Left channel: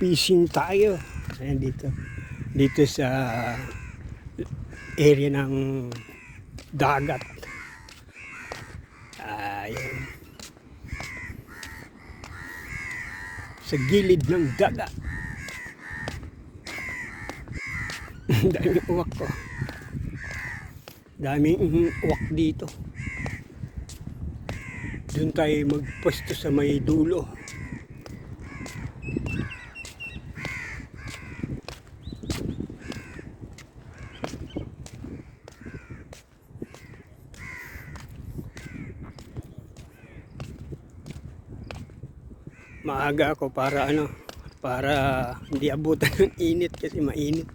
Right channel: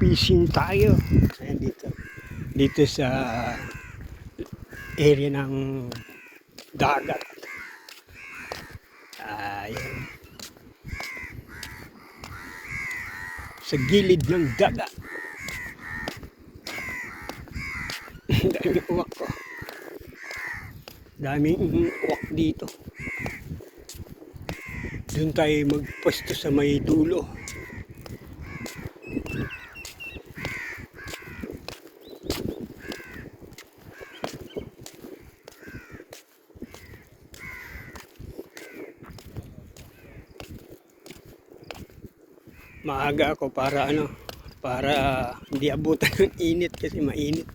Fishing tayo. Ayan dito sa area ng dagat. Ayan. Sa gilid ng dagat. Daming uwak ko. Daming uwak dito. Doon tayo magpwesto sa may dulo. Maaga ako para hindi abutan ng init kasi mainit.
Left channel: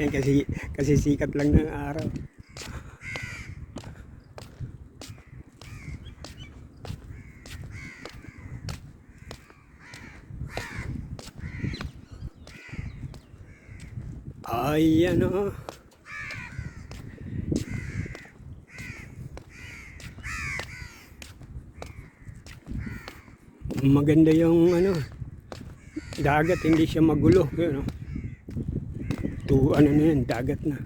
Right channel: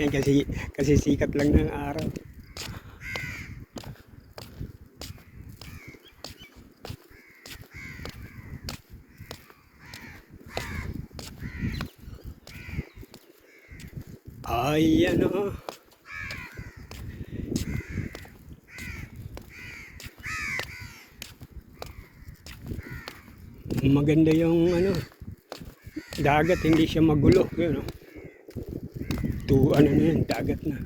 Yan kasi sikat lang ng araw. Ay ano. Maganda yung dagat, hindi siya magulo, yun, na yan, dagat na.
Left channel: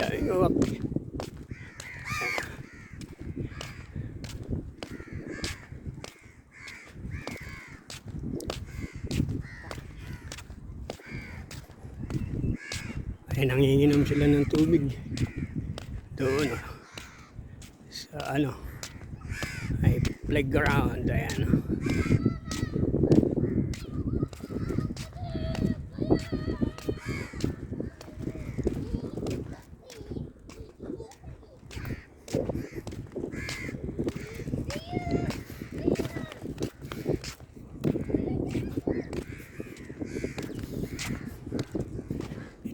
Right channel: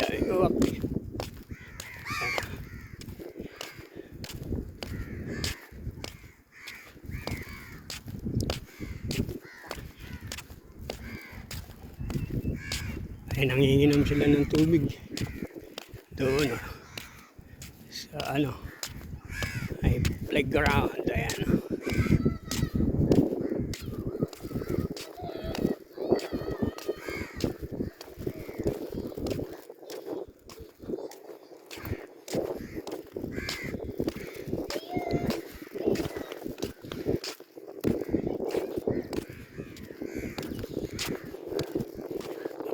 Daming uwak. Ay, nanginginom sila ng tubig doon sa ay playground. Ayan.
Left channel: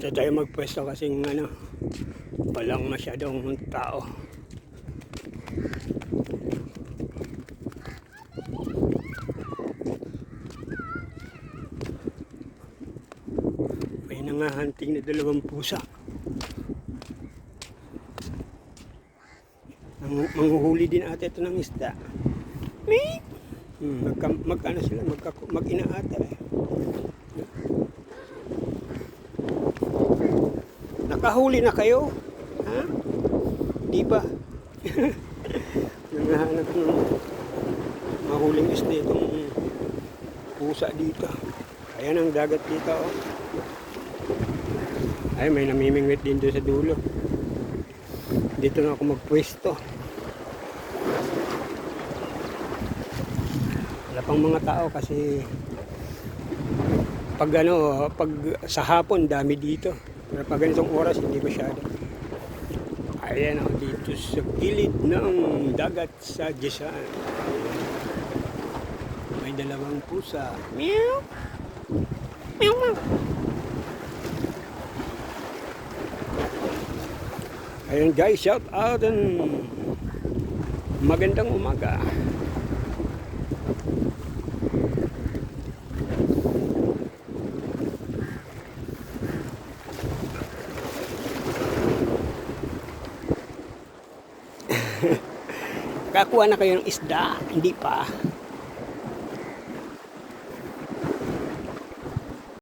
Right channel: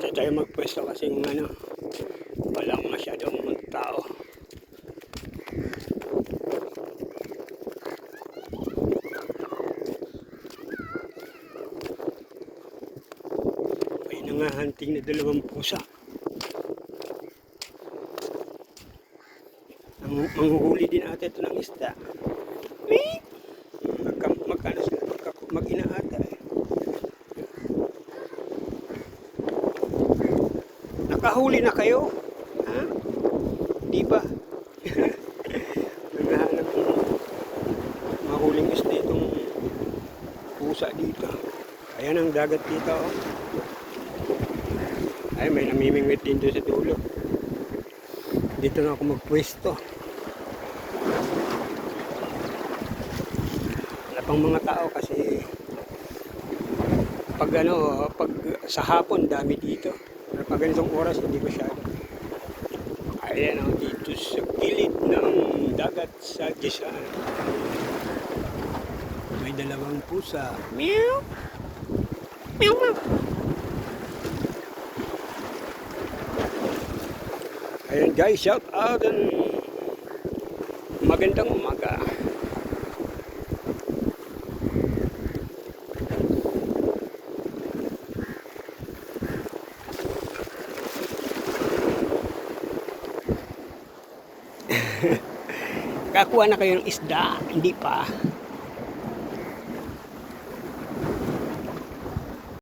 Ito tayo magpwesto kasi walang masyadong tao. May nangahanting na 2 pusa. Manghuhuli din ata ito ng isda. Magkano sila? Mag-ina ata eh. Nakahuli na kayo? Ha? Di ba? Naghahanap ng mahuling isda itong pusa dito. Ayan ang dagat dito. Oh. Ay, may namimingwit din doon sa dulo. Dito na ako magpwesto. Wala pang mga tao kasi pag sa hapon dami dito. Pero pag ganitong oras hindi masyado. Ayan ako dito sa gilid ng dagat sa Jesaan. May 2 pusa. Meow! Meow meow! Ayan guys, shout out and magandang umaga. Kakuha na kayo ng isda, hindi pa.